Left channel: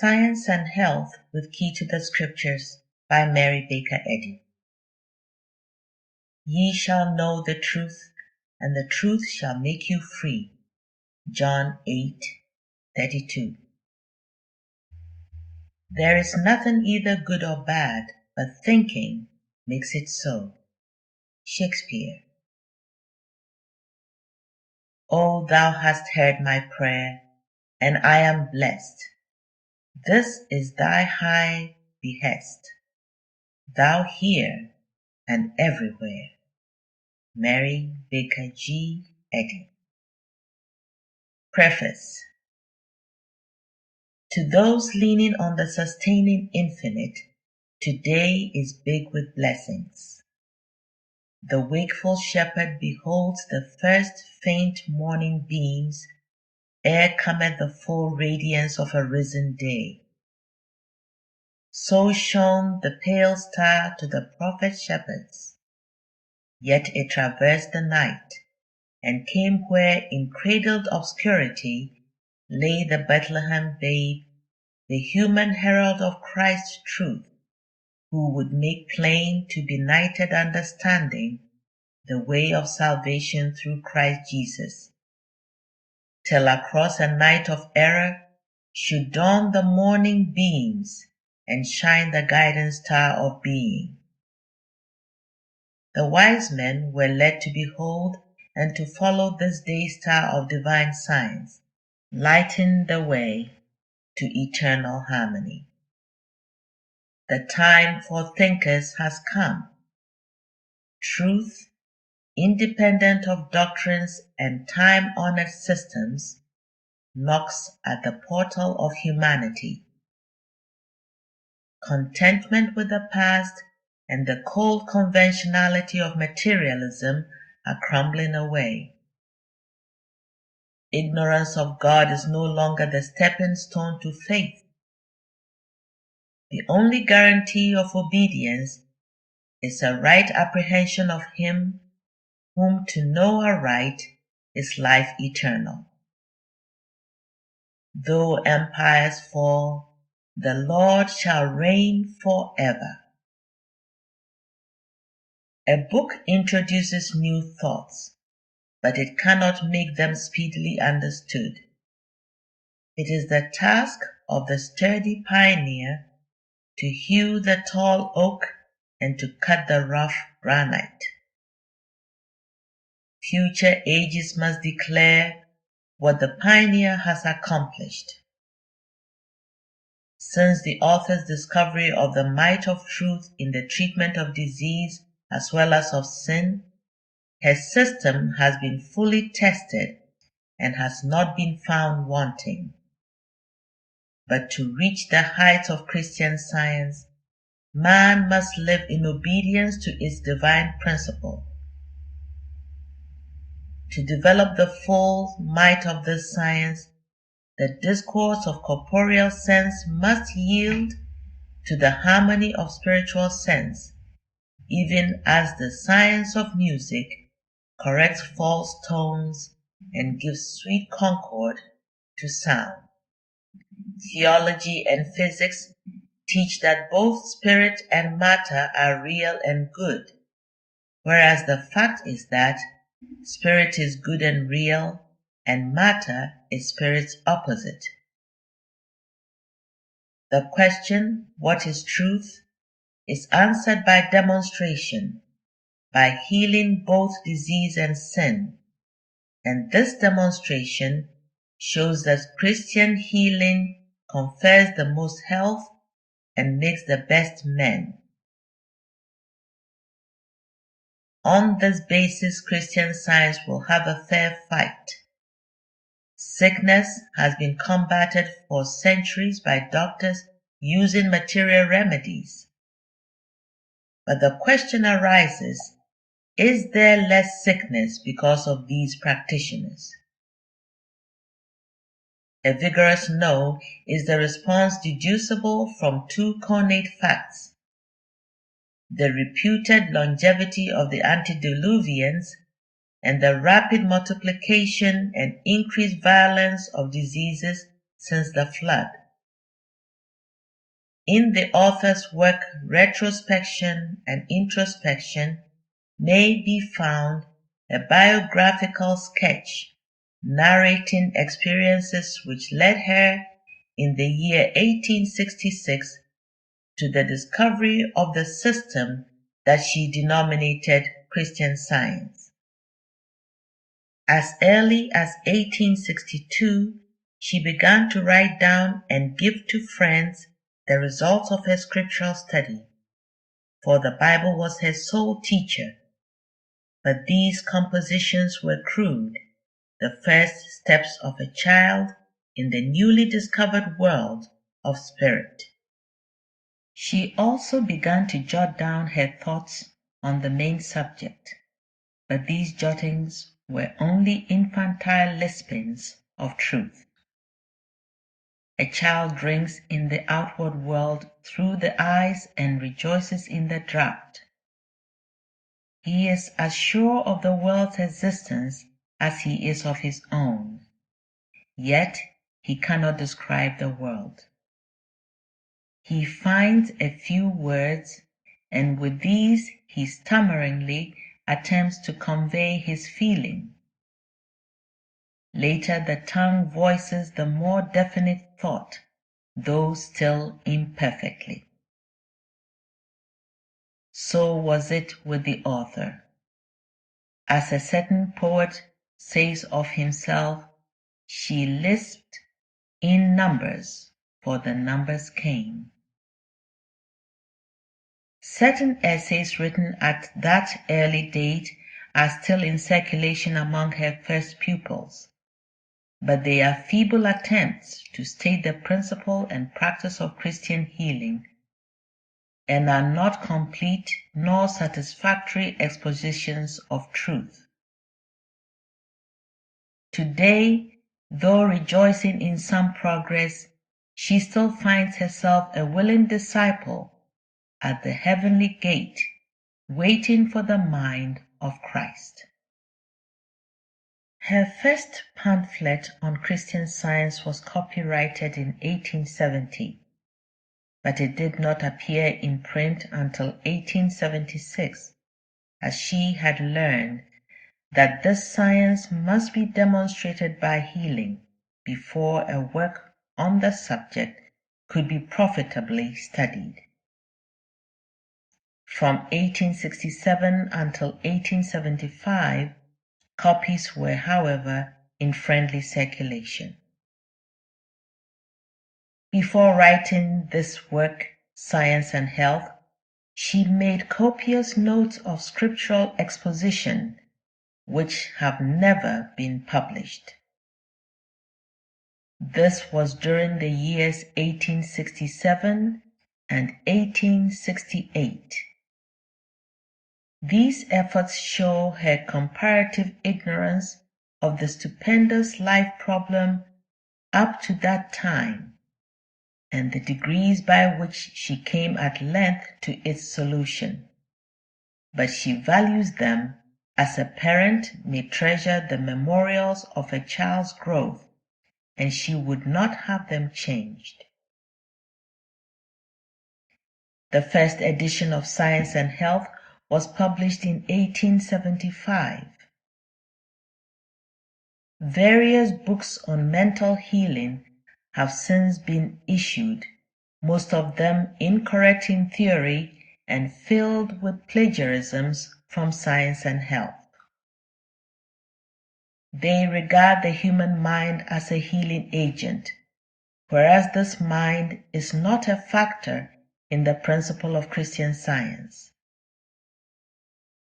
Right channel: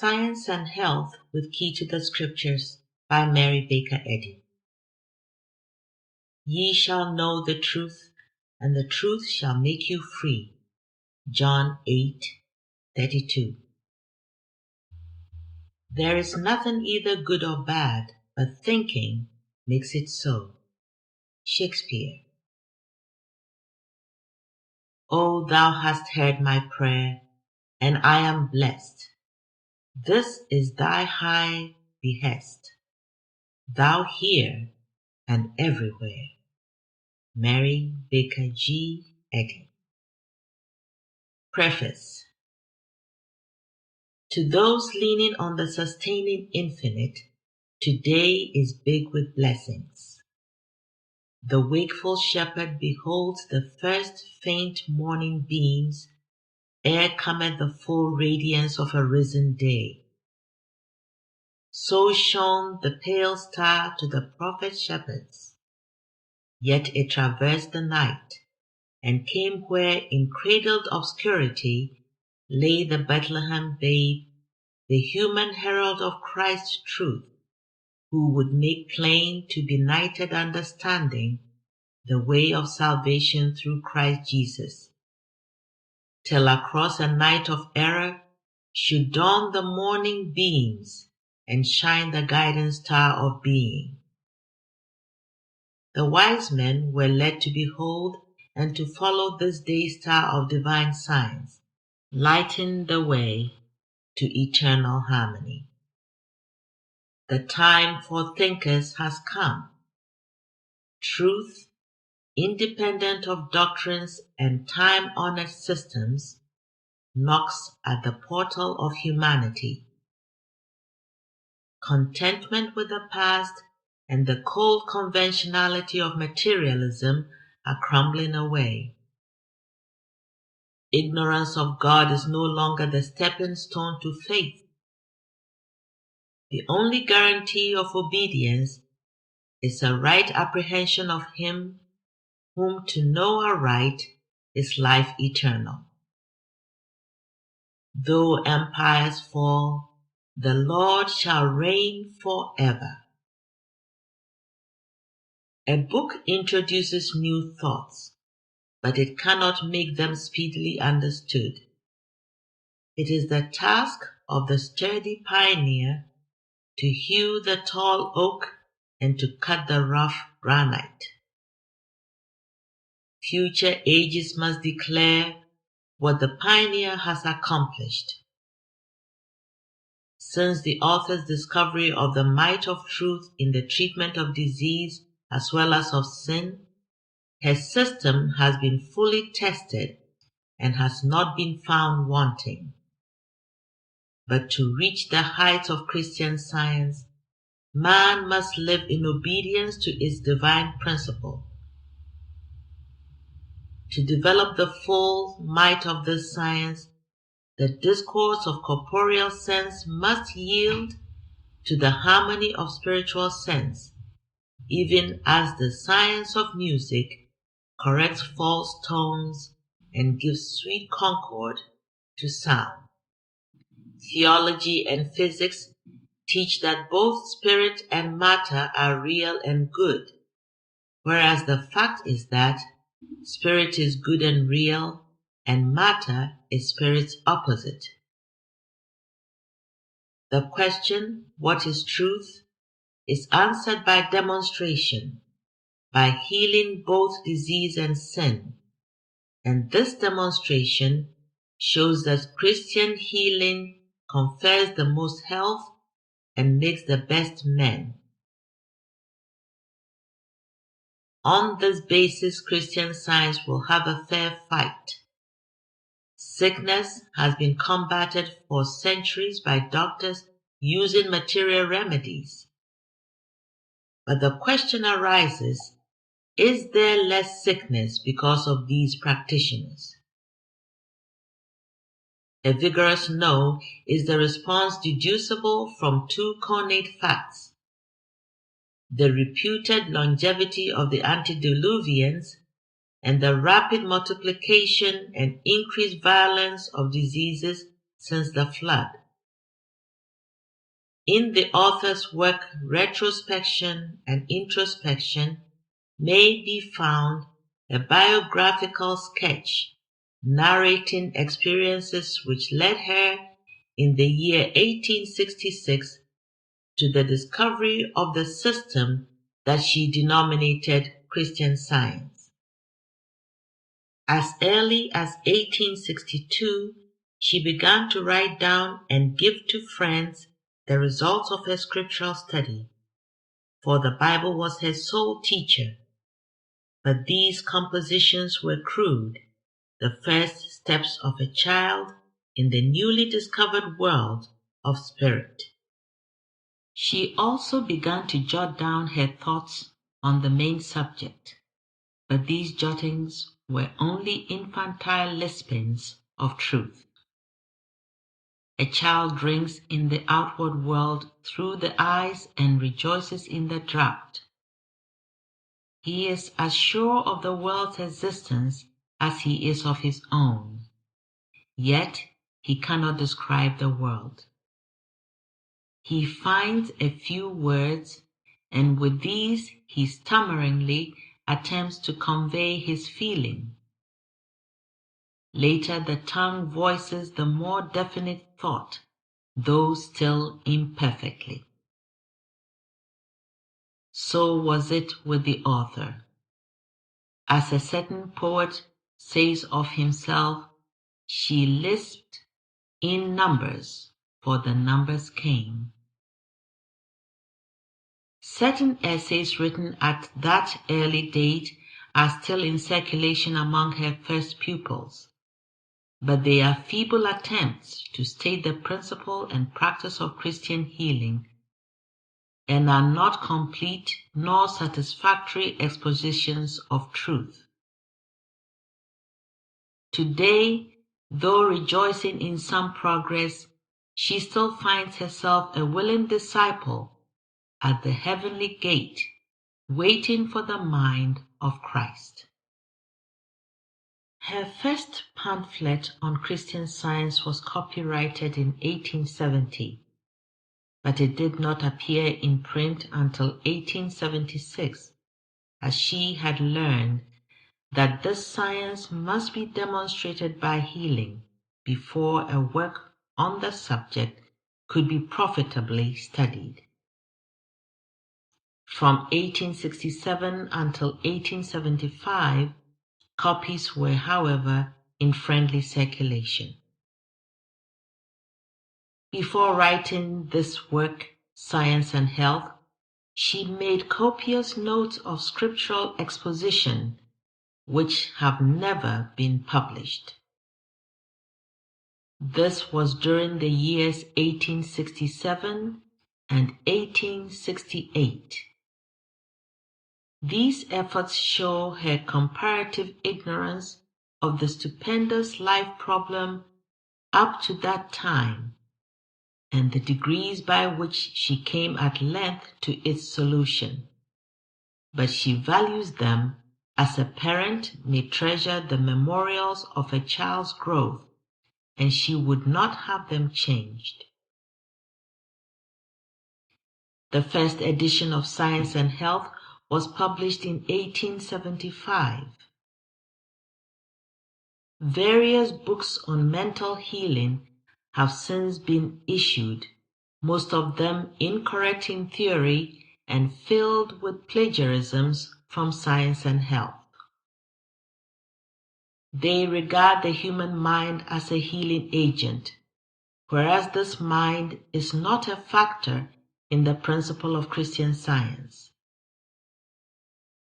Science and Health with Key to the Scriptures by Mary Baker Eddy. Ye shall know the truth, and the truth shall make you free. John 8:32. There is nothing either good or bad, but thinking makes it so. Shakespeare. O thou hast heard my prayer, and I am blessed. This is thy high behest. Thou here and everywhere. Mary Baker G. Eddy. Preface. To those leaning on the sustaining infinite, today is big with blessings. The wakeful shepherd beholds the first faint morning beams ere cometh the full radiance of a risen day. So shone the pale star to the prophet shepherds, yet it traversed the night, and came where in cradled obscurity lay the Bethlehem babe, the human herald of Christ's truth, who would make plain to benighted understanding the way of salvation through Christ Jesus, till across a night of error should dawn the morning beams and shine the guiding star of being. The wise men were led to behold and to follow this day star of divine science, lighting the way to eternal harmony. The time for thinkers has come. Truth, independent of doctrines and time-honored systems, knocks at the portal of humanity. Contentment with the past and the cold conventionality of materialism are crumbling away. Ignorance of God is no longer the stepping stone to faith. The only guarantee of obedience is a right apprehension of Him whom to know aright is life eternal. Though empires fall, the Lord shall reign forever. A book introduces new thoughts, but it cannot make them speedily understood. It is the task of the sturdy pioneer to hew the tall oak and to cut the rough granite. Future ages must declare what the pioneer has accomplished. Since the author's discovery of the might of truth in the treatment of disease as well as of sin, her system has been fully tested and has not been found wanting. But to reach the heights of Christian Science, man must live in obedience to its divine principle. To develop the full might of this science, the discourse of corporeal sense must yield to the harmony of spiritual sense, even as the science of music corrects false tones and gives sweet concord to sound. Theology and physics teach that both spirit and matter are real and good, whereas the fact is that spirit is good and real, and matter is spirit's opposite. The question, what is truth, is answered by demonstration, by healing both disease and sin, and this demonstration shows that Christian healing confers the most health and makes the best men. On this basis, Christian Science will have a fair fight. Sickness has been combated for centuries by doctors using material remedies. But the question arises, is there less sickness because of these practitioners? A vigorous no is the response deducible from two connate facts: the reputed longevity of the antediluvians and the rapid multiplication and increased violence of diseases since the flood. In the author's work, retrospection and introspection may be found a biographical sketch narrating experiences which led her in the year 1866 to the discovery of the system that she denominated Christian Science. As early as 1862, she began to write down and give to friends the results of her scriptural study, for the Bible was her sole teacher. But these compositions were crude, the first steps of a child in the newly discovered world of spirit. She also began to jot down her thoughts on the main subject, but these jottings were only infantile lispings of truth. A child drinks in the outward world through the eyes and rejoices in the draught. He is as sure of the world's existence as he is of his own, yet he cannot describe the world. He finds a few words, and with these he stammeringly attempts to convey his feeling. Later the tongue voices the more definite thought, though still imperfectly. So was it with the author. As a certain poet says of himself, she lisped in numbers, for the numbers came. Certain essays written at that early date are still in circulation among her first pupils, but they are feeble attempts to state the principle and practice of Christian healing, and are not complete nor satisfactory expositions of truth. Today, though rejoicing in some progress, she still finds herself a willing disciple at the heavenly gate, waiting for the mind of Christ. Her first pamphlet on Christian Science was copyrighted in 1870, but it did not appear in print until 1876, as she had learned that this science must be demonstrated by healing before a work on the subject could be profitably studied. From 1867 until 1875, copies were, however, in friendly circulation. Before writing this work, Science and Health, she made copious notes of scriptural exposition, which have never been published. This was during the years 1867 and 1868. These efforts show her comparative ignorance of the stupendous life problem up to that time, and the degrees by which she came at length to its solution. But she values them as a parent may treasure the memorials of a child's growth, and she would not have them changed. The first edition of Science and Health was published in 1875. Various books on mental healing have since been issued, most of them incorrect in theory and filled with plagiarisms from Science and Health. They regard the human mind as a healing agent, whereas this mind is not a factor in the principle of Christian Science.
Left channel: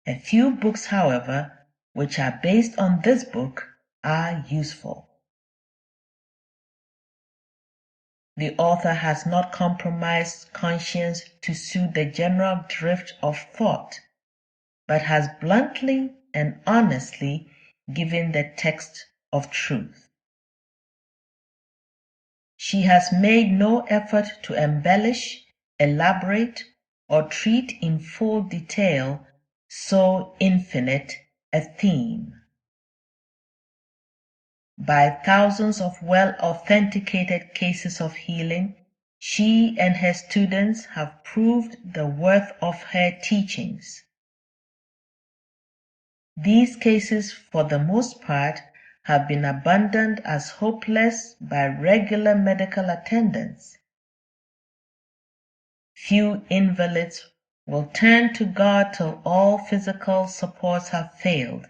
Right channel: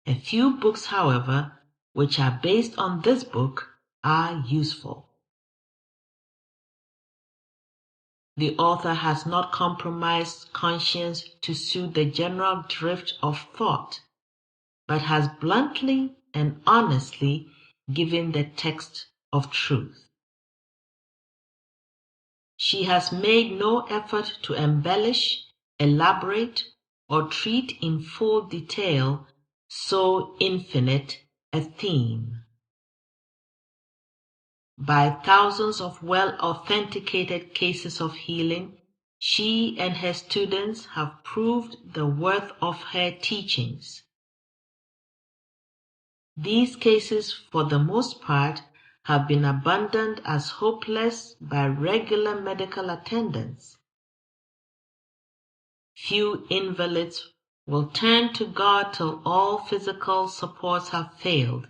A few books, however, which are based on this book are useful. The author has not compromised conscience to suit the general drift of thought, but has bluntly and honestly given the text of truth. She has made no effort to embellish, elaborate, or treat in full detail so infinite a theme. By thousands of well-authenticated cases of healing, She and her students have proved the worth of her teachings. These cases, for the most part, have been abandoned as hopeless by regular medical attendants. Few invalids will turn to God till all physical supports have failed,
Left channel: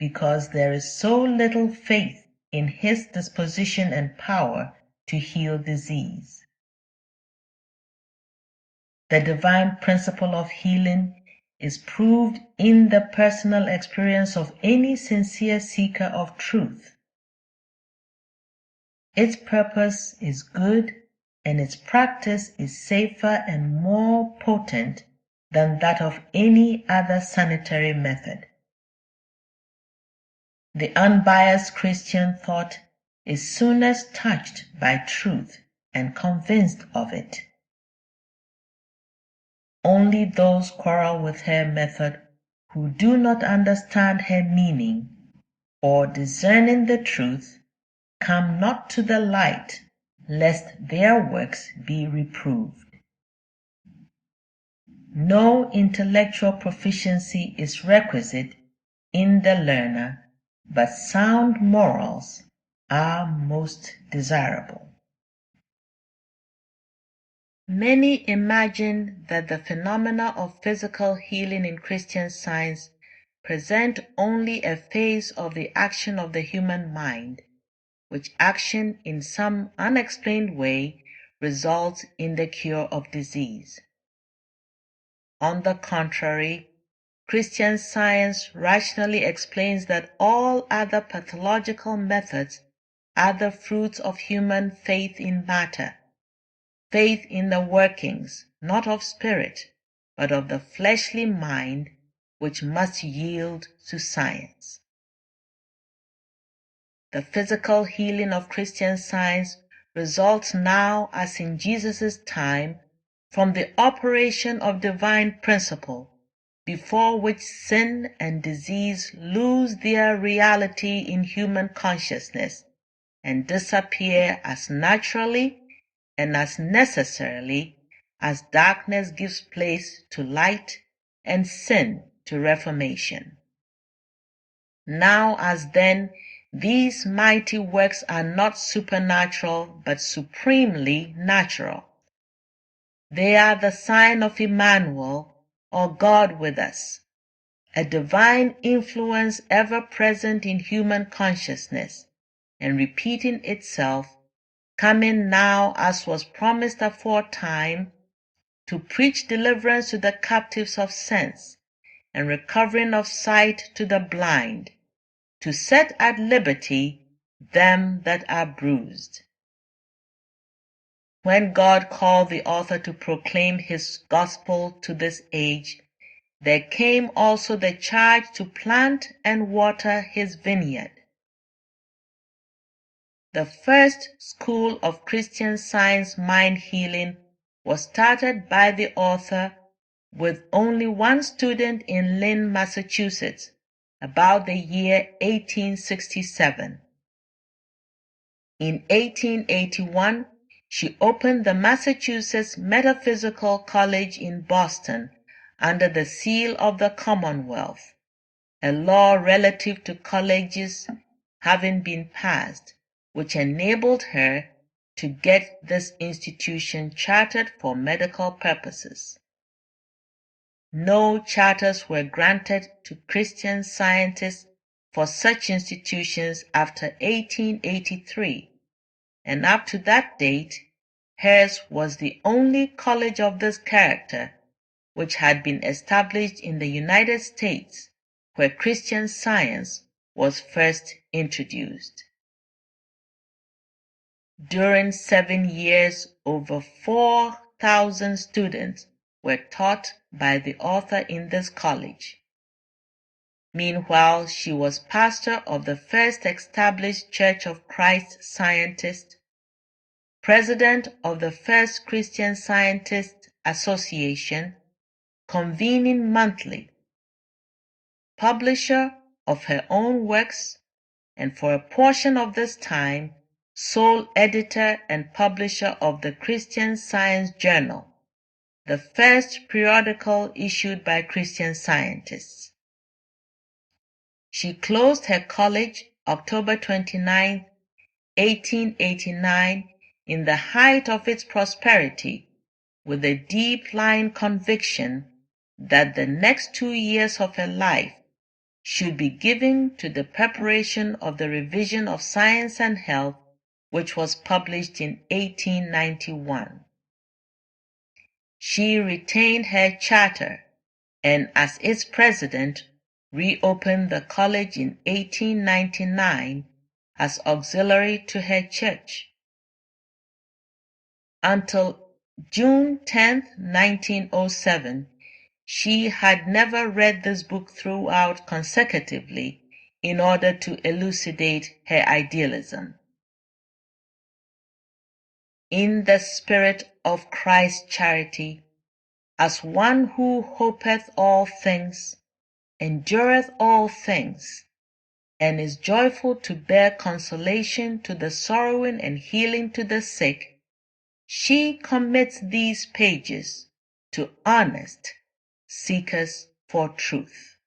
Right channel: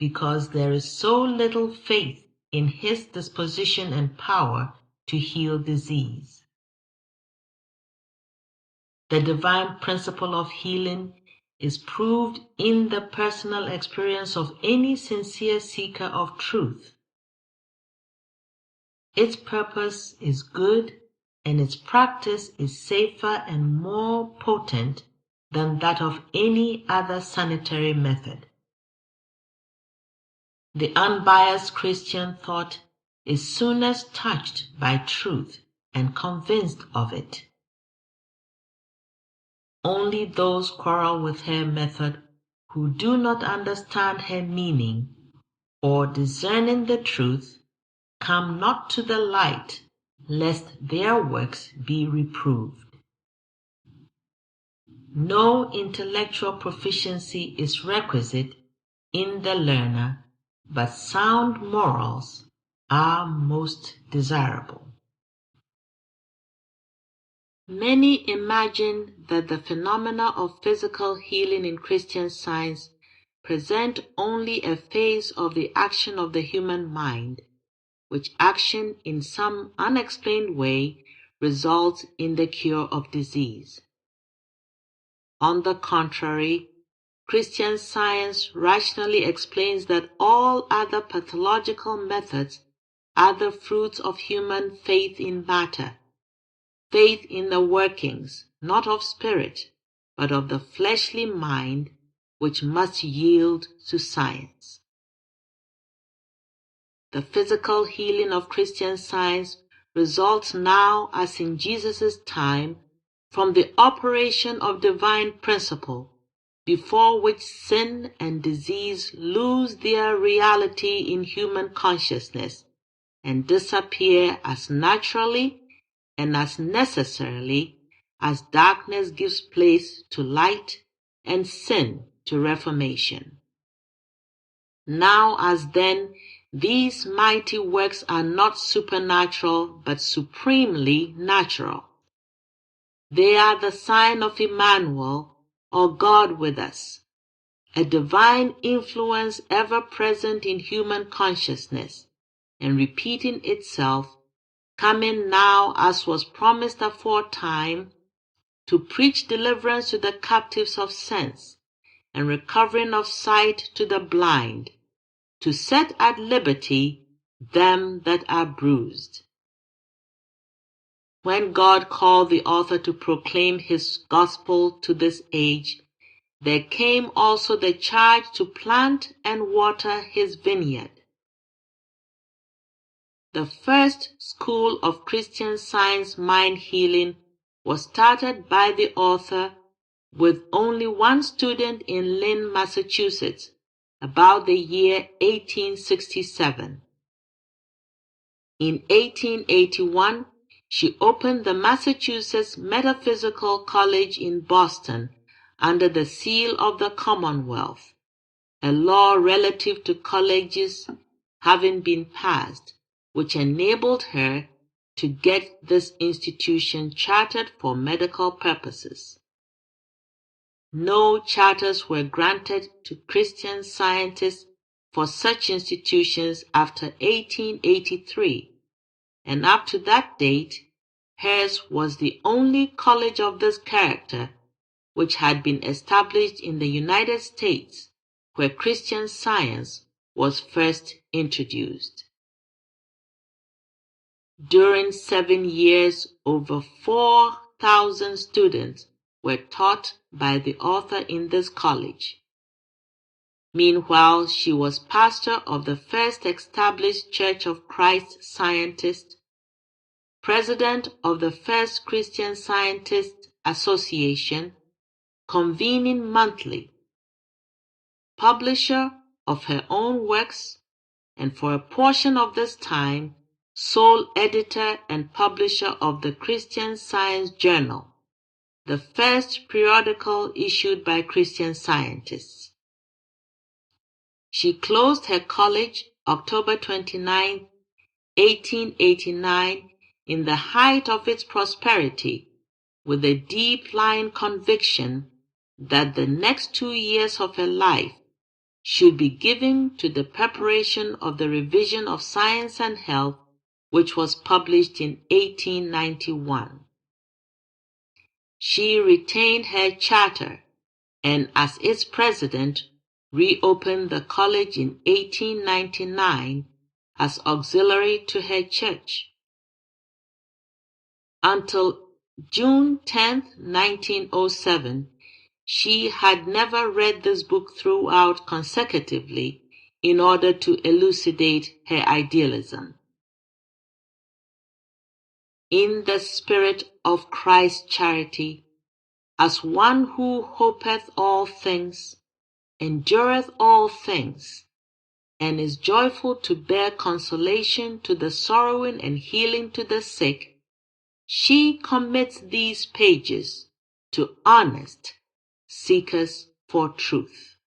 because there is so little faith in His disposition and power to heal disease. The divine principle of healing is proved in the personal experience of any sincere seeker of truth. Its purpose is good, and its practice is safer and more potent than that of any other sanitary method. The unbiased Christian thought is soonest touched by truth and convinced of it. Only those quarrel with her method who do not understand her meaning, or discerning the truth, come not to the light, lest their works be reproved. No intellectual proficiency is requisite in the learner, but sound morals are most desirable. Many imagine that the phenomena of physical healing in Christian Science present only a phase of the action of the human mind, which action in some unexplained way results in the cure of disease. On the contrary, Christian Science rationally explains that all other pathological methods are the fruits of human faith in matter, faith in the workings, not of spirit, but of the fleshly mind, which must yield to science. The physical healing of Christian Science results now, as in Jesus' time, from the operation of divine principle, before which sin and disease lose their reality in human consciousness and disappear as naturally and as necessarily as darkness gives place to light and sin to reformation. Now as then, these mighty works are not supernatural but supremely natural. They are the sign of Emmanuel, or God with us, a divine influence ever present in human consciousness and repeating itself, coming now as was promised aforetime, to preach deliverance to the captives of sense and recovering of sight to the blind, to set at liberty them that are bruised. When God called the author to proclaim his gospel to this age, there came also the charge to plant and water his vineyard. The first school of Christian Science mind healing was started by the author with only one student in Lynn, Massachusetts, about the year 1867. In 1881, she opened the Massachusetts Metaphysical College in Boston under the seal of the Commonwealth, a law relative to colleges having been passed, which enabled her to get this institution chartered for medical purposes. No charters were granted to Christian Scientists for such institutions after 1883, and up to that date, hers was the only college of this character which had been established in the United States, where Christian Science was first introduced. During 7 years, over 4,000 students were taught by the author in this college. Meanwhile, she was pastor of the first established Church of Christ Scientist, president of the First Christian Scientist Association, convening monthly, publisher of her own works, and for a portion of this time sole editor and publisher of the Christian Science Journal, the first periodical issued by Christian Scientists. She closed her college October 29, 1889, in the height of its prosperity, with a deep-lying conviction that the next 2 years of her life should be given to the preparation of the Revision of Science and Health, which was published in 1891. She retained her charter and, as its president, reopened the college in 1899 as auxiliary to her church. Until June 10, 1907, she had never read this book throughout consecutively in order to elucidate her idealism. In the spirit of Christ's charity, as one who hopeth all things, endureth all things, and is joyful to bear consolation to the sorrowing and healing to the sick, she commits these pages to honest seekers for truth.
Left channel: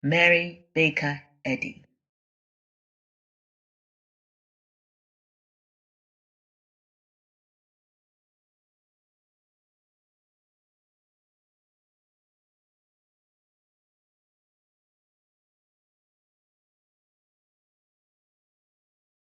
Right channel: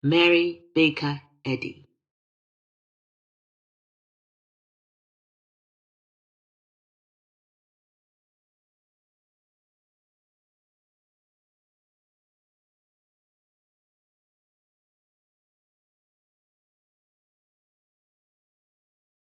Mary Baker Eddy.